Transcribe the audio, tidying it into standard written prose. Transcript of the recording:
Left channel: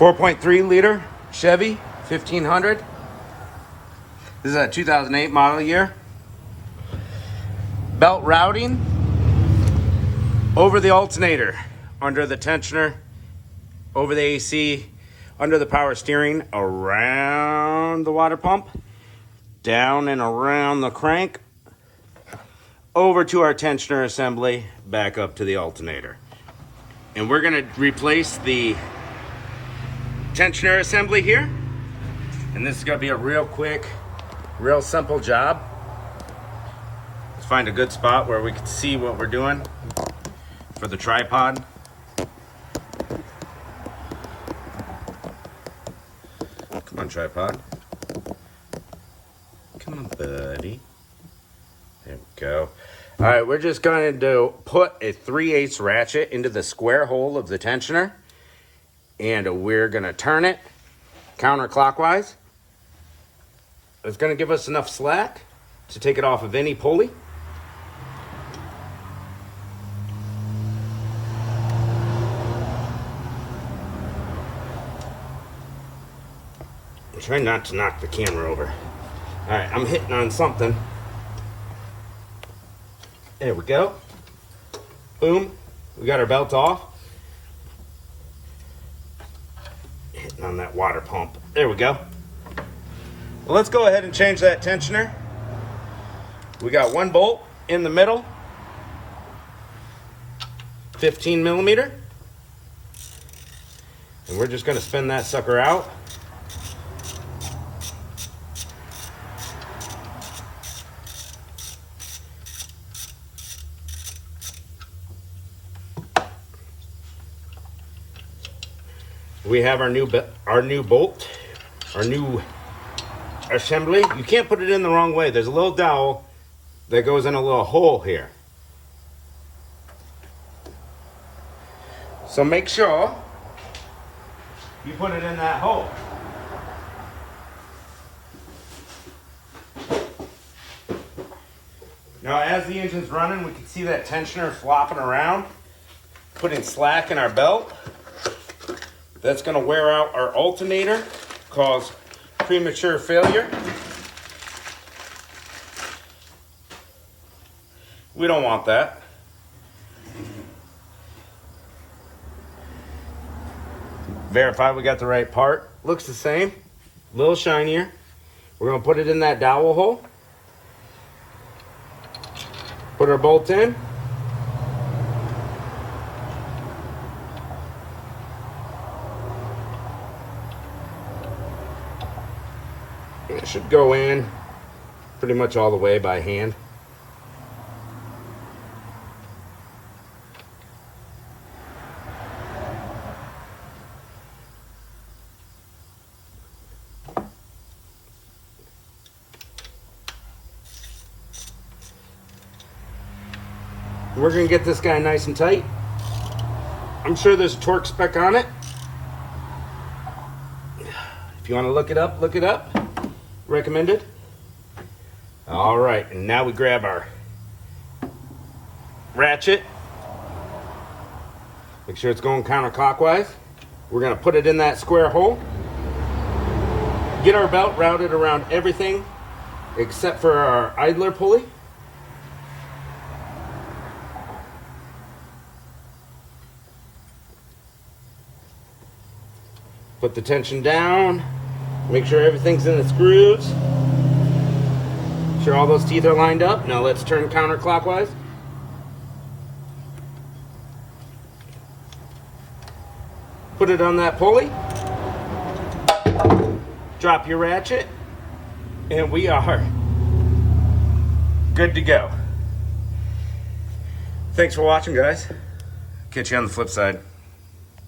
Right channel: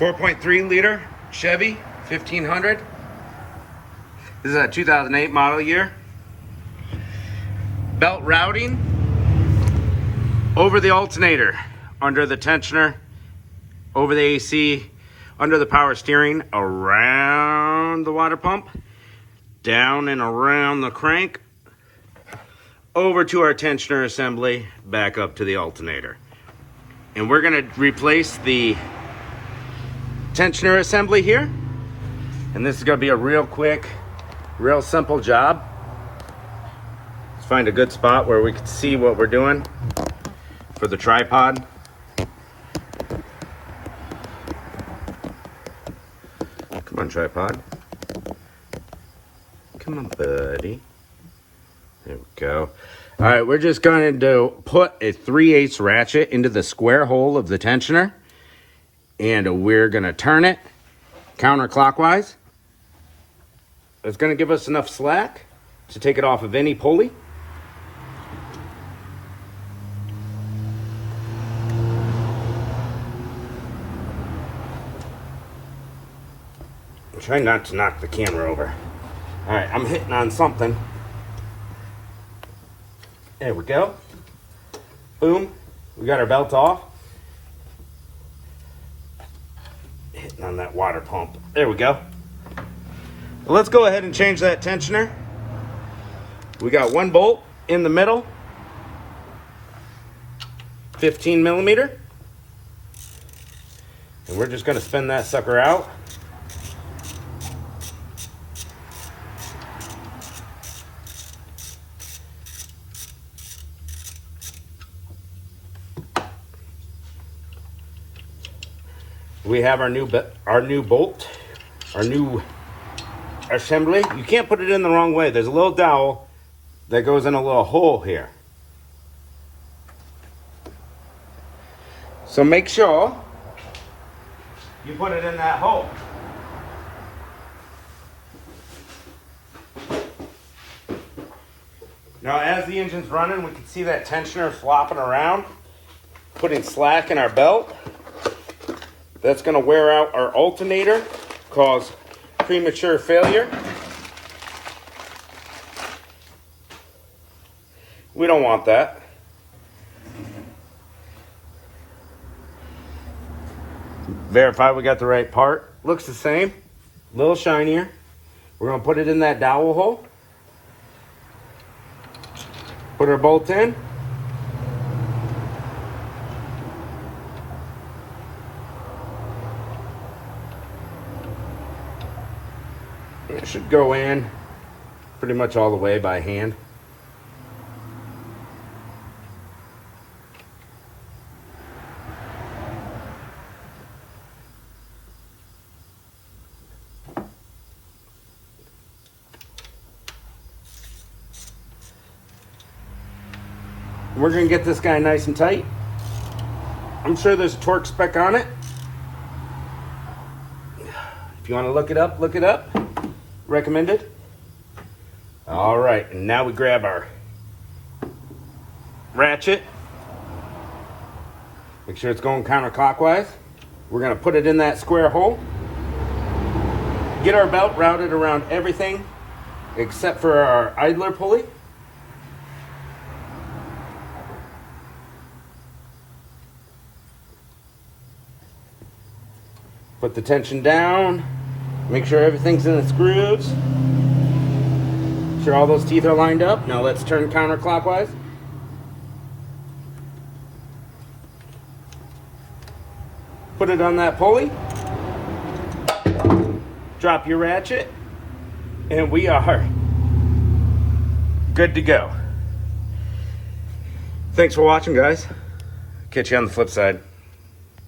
4.3 liter Chevy 1500. This is a 2008 model year. Belt routing over the alternator, under the tensioner, over the AC, under the power steering, around the water pump, down and around the crank, over to our tensioner assembly, back up to the alternator. And we're gonna replace the tensioner assembly here. And this is gonna be a real quick, real simple job. Let's find a good spot where we can see what we're doing for the tripod. Come on, tripod. Come on, buddy. There we go. All right, we're just going to put a 3/8 ratchet into the square hole of the tensioner, and we're going to turn it counterclockwise. It's going to give us enough slack to take it off of any pulley. Try not to knock the camera over. All right, I'm hitting on something. There we go. Boom. We got our belt off. Hitting on that water pump. There we go. Well, let's go ahead and change that tensioner. We got one bolt in the middle, 15 millimeter. And we're just gonna spin that sucker out. We have our new bolt, our new assembly. You can't put it in the wrong way. There's a little dowel that goes in a little hole here. So make sure you put it in that hole. Now, as the engine's running, we can see that tensioner flopping around, putting slack in our belt. That's going to wear out our alternator, cause premature failure. We don't want that. Verify we got the right part. Looks the same, a little shinier. We're going to put it in that dowel hole. Put our bolt in. It should go in pretty much all the way by hand. We're going to get this guy nice and tight. I'm sure there's a torque spec on it. If you want to look it up, look it up. Recommended. All right, and now we grab our ratchet. Make sure it's going counterclockwise. We're going to put it in that square hole. Get our belt routed around everything except for our idler pulley. Put the tension down. Make sure everything's in its grooves. Make sure all those teeth are lined up. Now let's turn counterclockwise. Put it on that pulley. Drop your ratchet. And we are good to go. Thanks for watching, guys. Catch you on the flip side.